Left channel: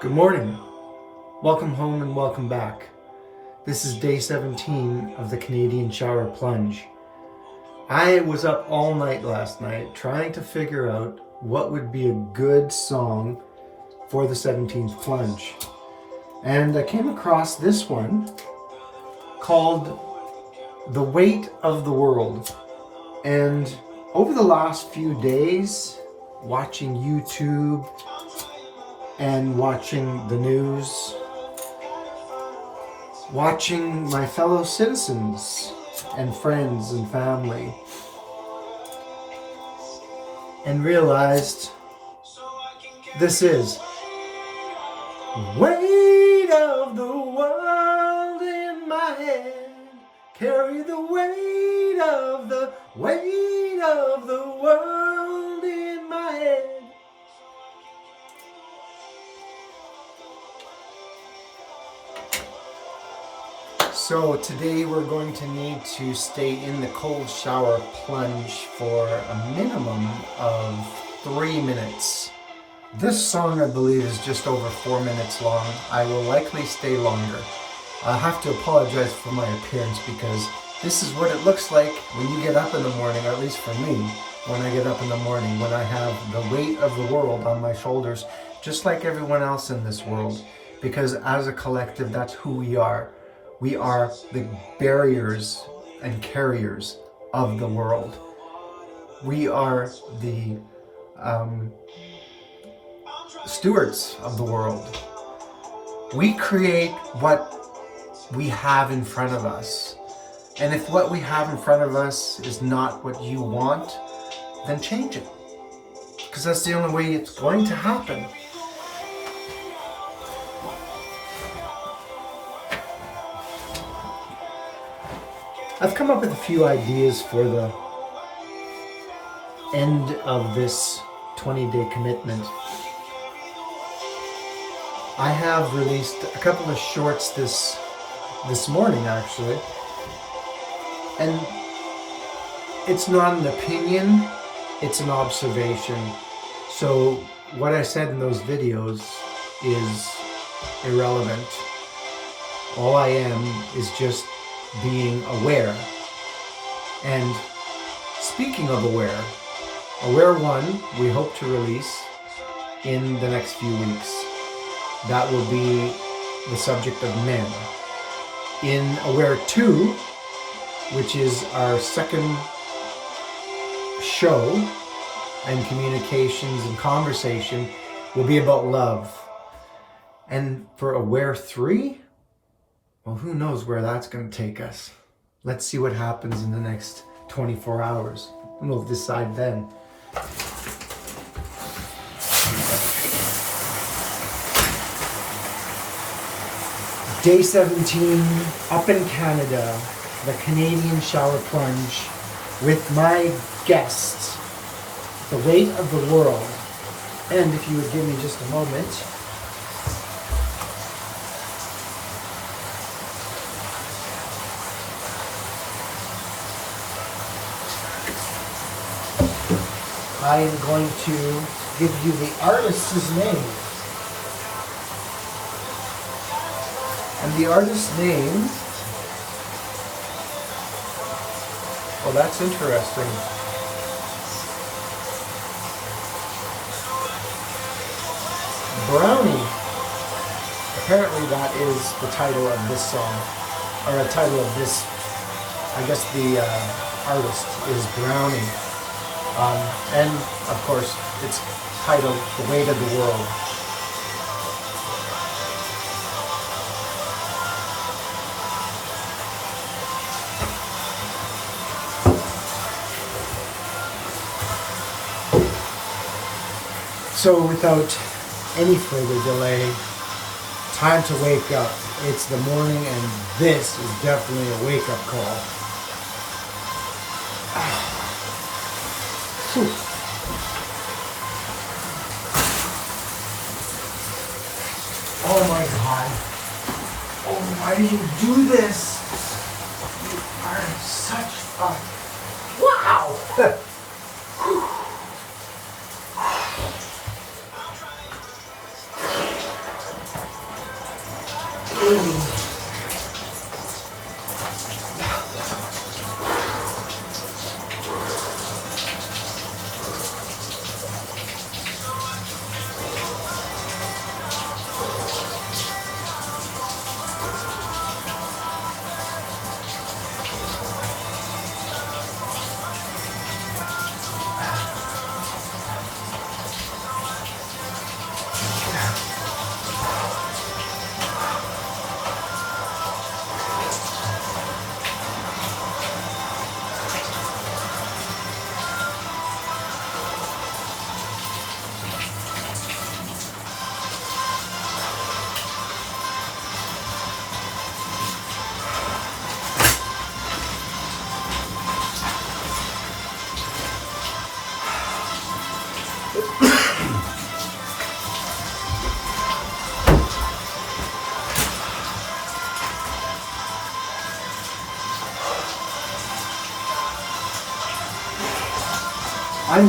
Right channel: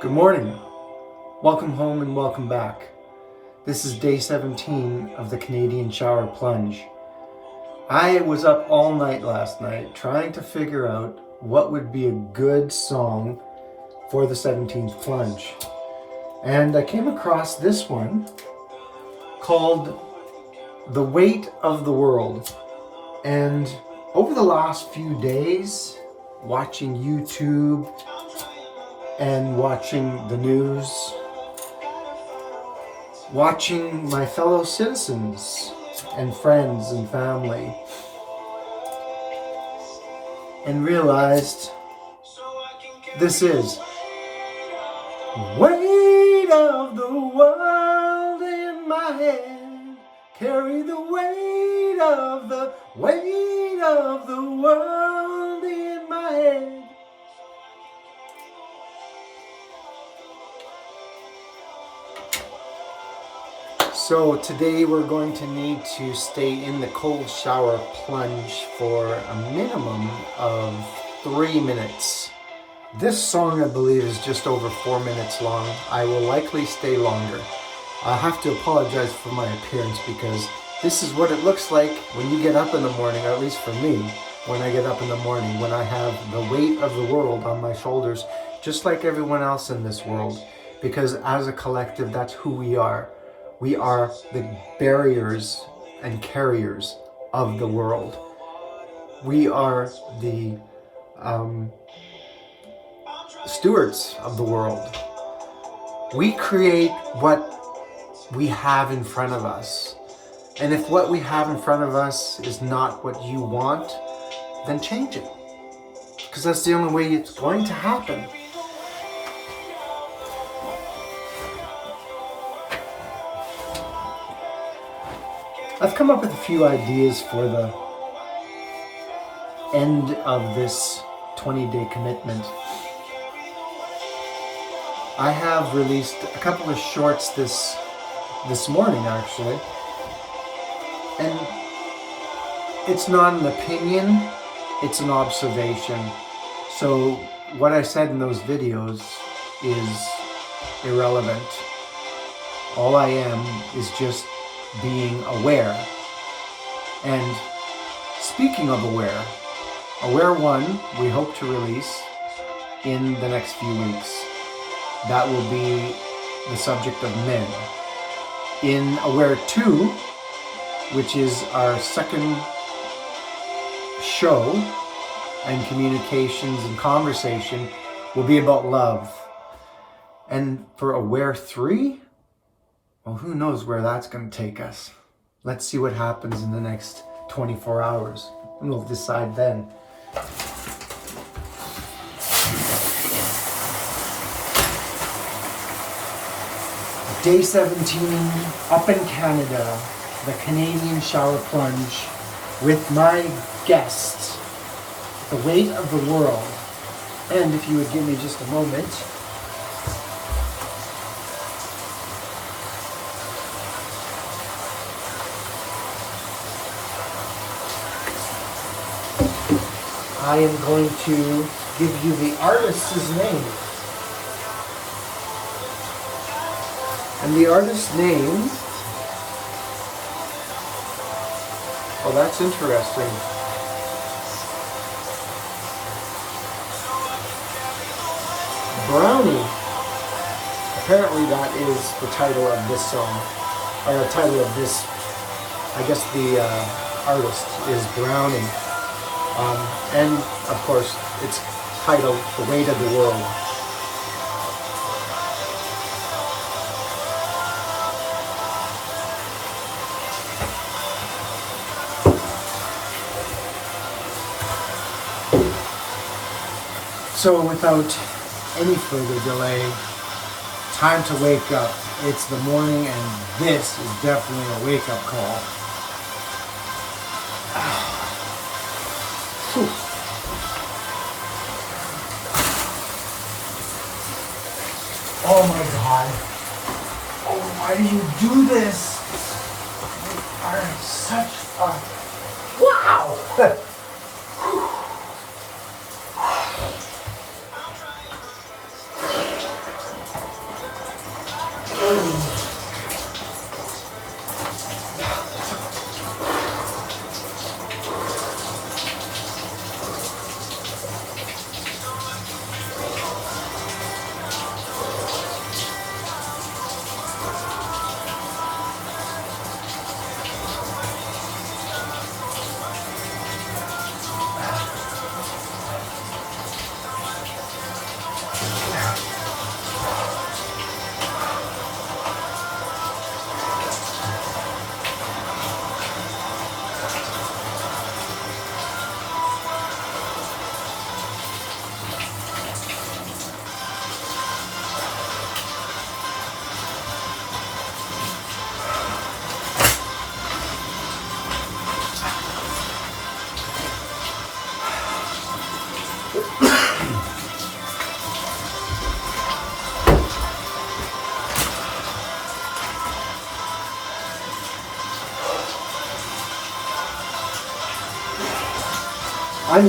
Good morning. Welcome home and welcome back. This is day 17 of the Canadian shower plunge. I was up all night last night trying to figure out what would be a good song for the 17th plunge. And I came across this one called The Weight of the World. And over the last few days, watching YouTube and watching the news, watching my fellow citizens and friends and family, and realized this is weight of the world in my head, carry the weight of the world in my head. So today we're going to need to stay in the cold shower plunge for a minimum of 3 minutes. This song, I believe, is just over 4 minutes long. I will likely stay longer. I have to apologize for my appearance because this is what it looks like when you get up in the morning, or at least for me, when I get up in the morning, when I have the weight of the world on my shoulders, just like everyone else in this world. Because as a collective, that's who we are. We are the barriers and carriers of the world. We are the stewards of the world. We create what we have in front of us. And if what we have in front of us is not what you want, then change it. Because that's the only way it's going to happen. I've come up with a few ideas for the end of this 20-day commitment. I have released a couple of shorts this morning, actually. And it's not an opinion, it's an observation. So what I said in those videos is irrelevant. All I am is just being aware. And speaking of aware, Aware 1 we hope to release in the next few weeks. That will be the subject of men. In Aware 2, which is our second show and communications and conversation, will be about love. And for Aware 3, well, who knows where that's going to take us. Let's see what happens in the next 24 hours, and we'll decide then. Day 17, up in Canada, the Canadian shower plunge with my guest, The Weight of the World. And if you would give me just a moment. I am going to give you the artist's name. And the artist's name, well, that's interesting. Brownie. Apparently that is the title of this song, or the title of this, I guess the artist is Brownie. And of course, it's titled The Weight of the World. So without any further delay, time to wake up. It's the morning and this is definitely a wake-up call. Whew. Oh my God. Oh, why do you do this? You are such a... Wow! I'm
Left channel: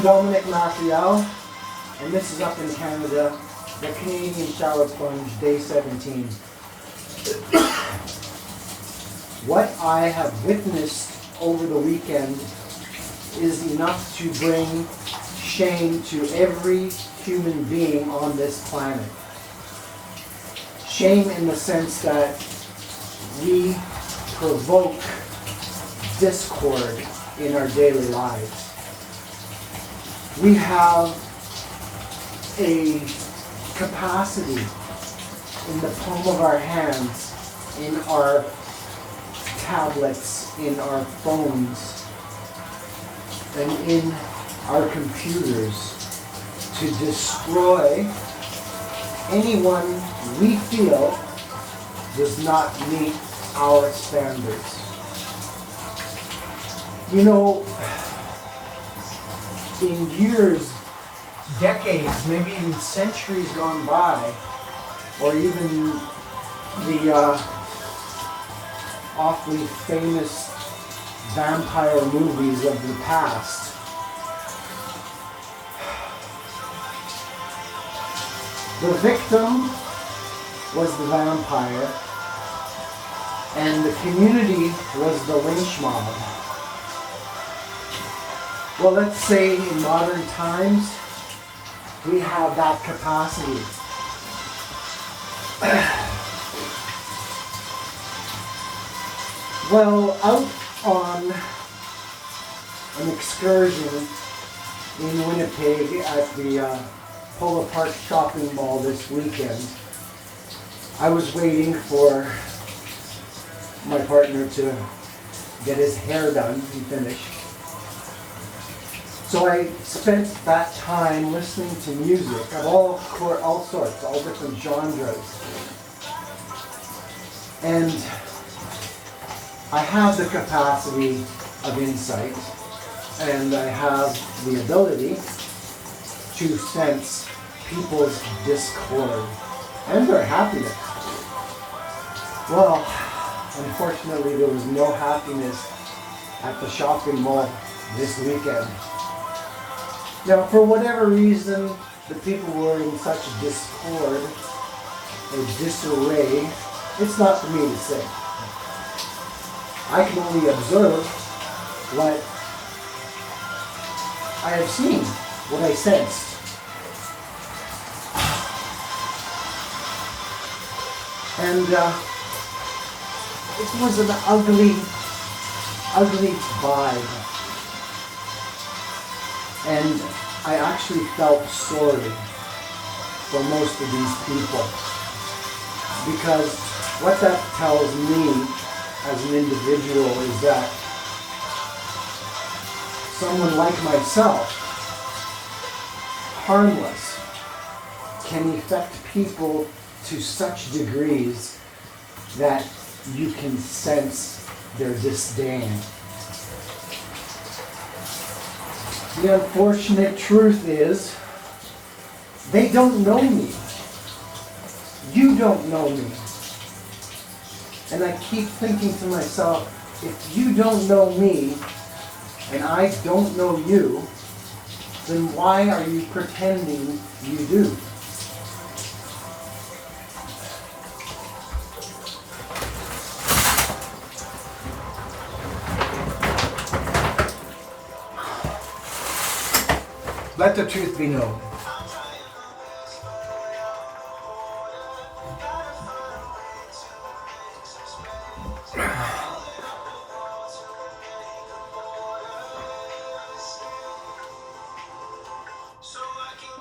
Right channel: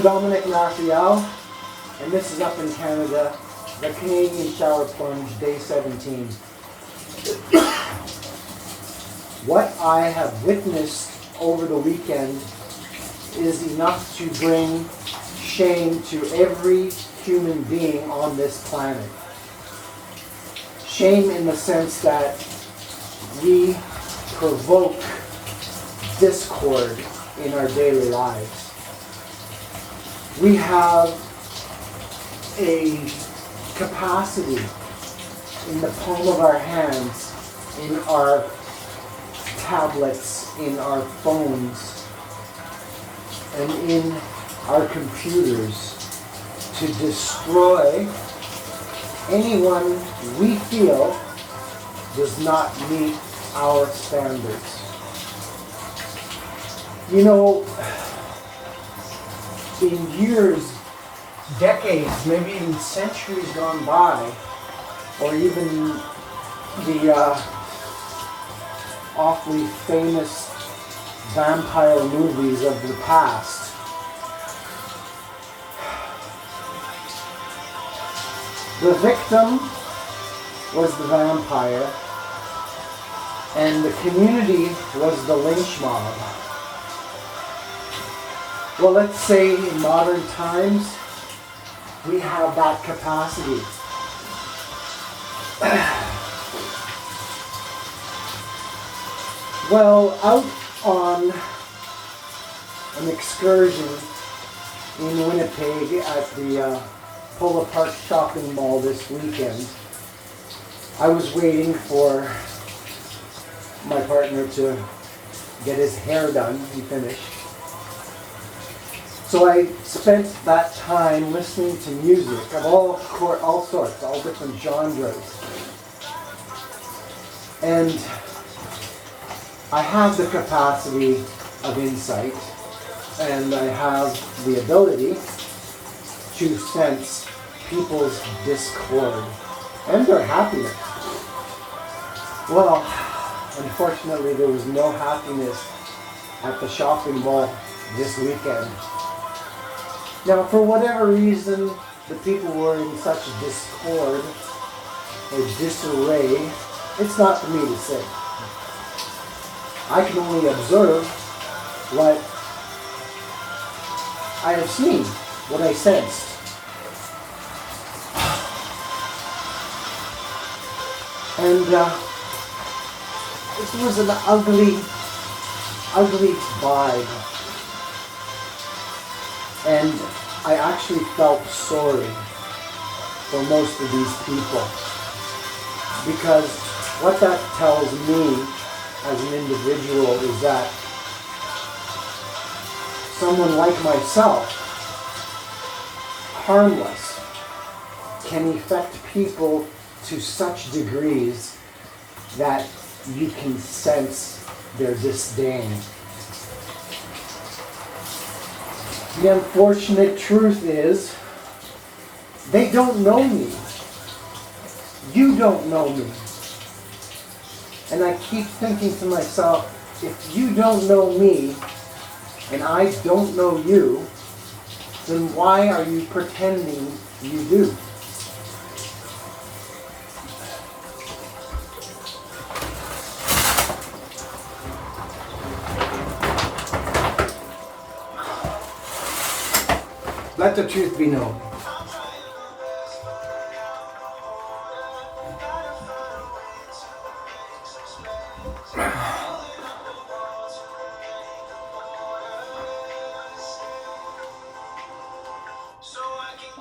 Dominic Raphael, and this is Up in Canada, the Canadian Shower Plunge, Day 17. What I have witnessed over the weekend is enough to bring shame to every human being on this planet. Shame in the sense that we provoke discord in our daily lives. We have a capacity in the palm of our hands, in our tablets, in our phones, and in our computers to destroy anyone we feel does not meet our standards. You know, in years, decades, maybe even centuries gone by, or even the awfully famous vampire movies of the past, the victim was the vampire, and the community was the lynch mob. Well, let's say in modern times, we have that capacity. Well, out on an excursion in Winnipeg at the Polo Park Shopping Mall this weekend, I was waiting for my partner to get his hair done and finish. So I spent that time listening to music of all sorts, all different genres. And I have the capacity of insight, and I have the ability to sense people's discord and their happiness. Well, unfortunately, there was no happiness at the shopping mall this weekend. Now, for whatever reason, the people were in such discord or disarray, it's not for me to say. I can only observe what I have seen, what I sensed. And it was an ugly vibe. And I actually felt sorry for most of these people. Because what that tells me as an individual is that someone like myself, harmless, can affect people to such degrees that you can sense their disdain. The unfortunate truth is, they don't know me. You don't know me. And I keep thinking to myself, if you don't know me, and I don't know you, then why are you pretending you do? Let the truth be known.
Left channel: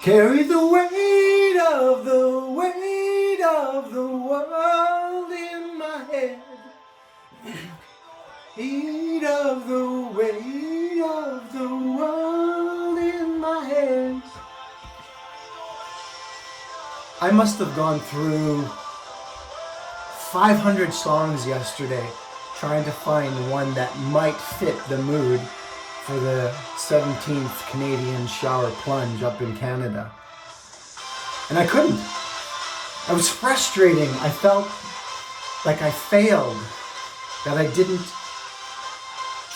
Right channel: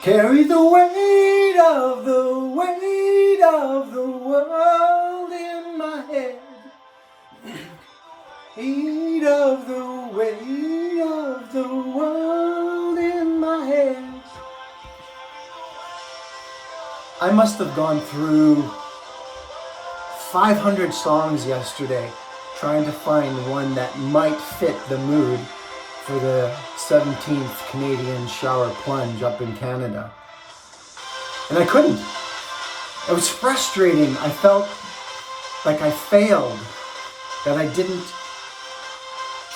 Carry the weight of the world in my head. Weight of the world in my head. I must have gone through 500 songs yesterday trying to find one that might fit the mood for the 17th Canadian shower plunge up in Canada. And I couldn't. It was frustrating. I felt like I failed, that I didn't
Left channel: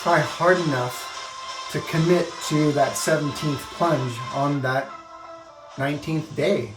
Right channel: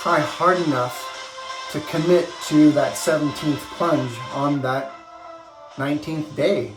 try hard enough to commit to that 17th plunge on that 19th day.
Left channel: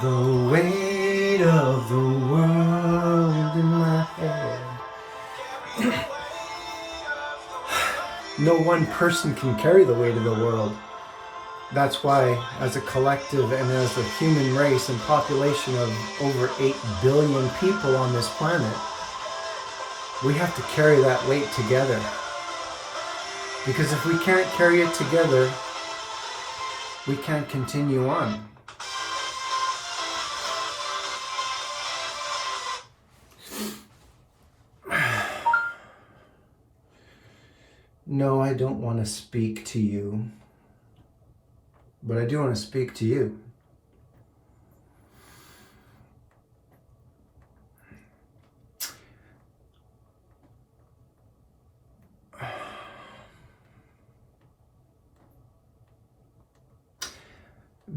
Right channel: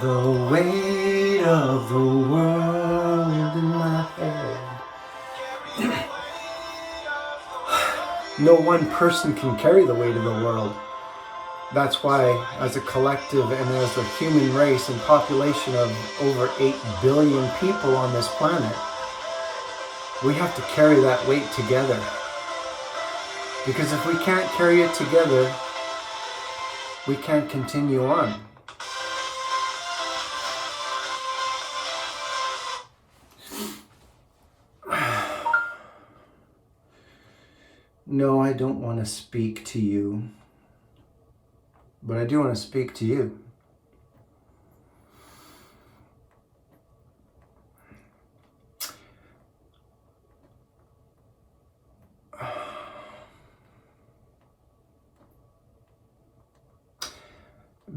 The weight of the world in my head. No one person can carry the weight of the world. That's why, as a collective and as a human race and population of over 8 billion people on this planet, we have to carry that weight together. Because if we can't carry it together, we can't continue on. No, I don't want to speak to you, but I do want to speak to you.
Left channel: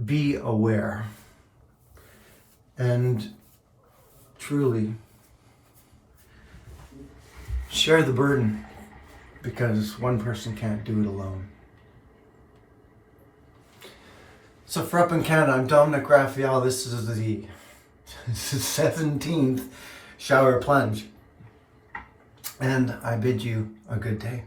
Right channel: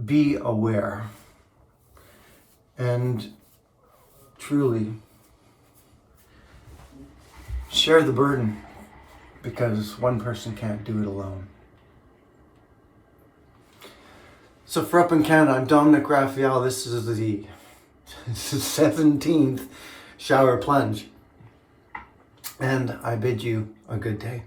Be aware and truly share the burden, because one person can't do it alone. So for Up in Canada, I'm Dominic Raphael. This is the 17th shower plunge, and I bid you a good day.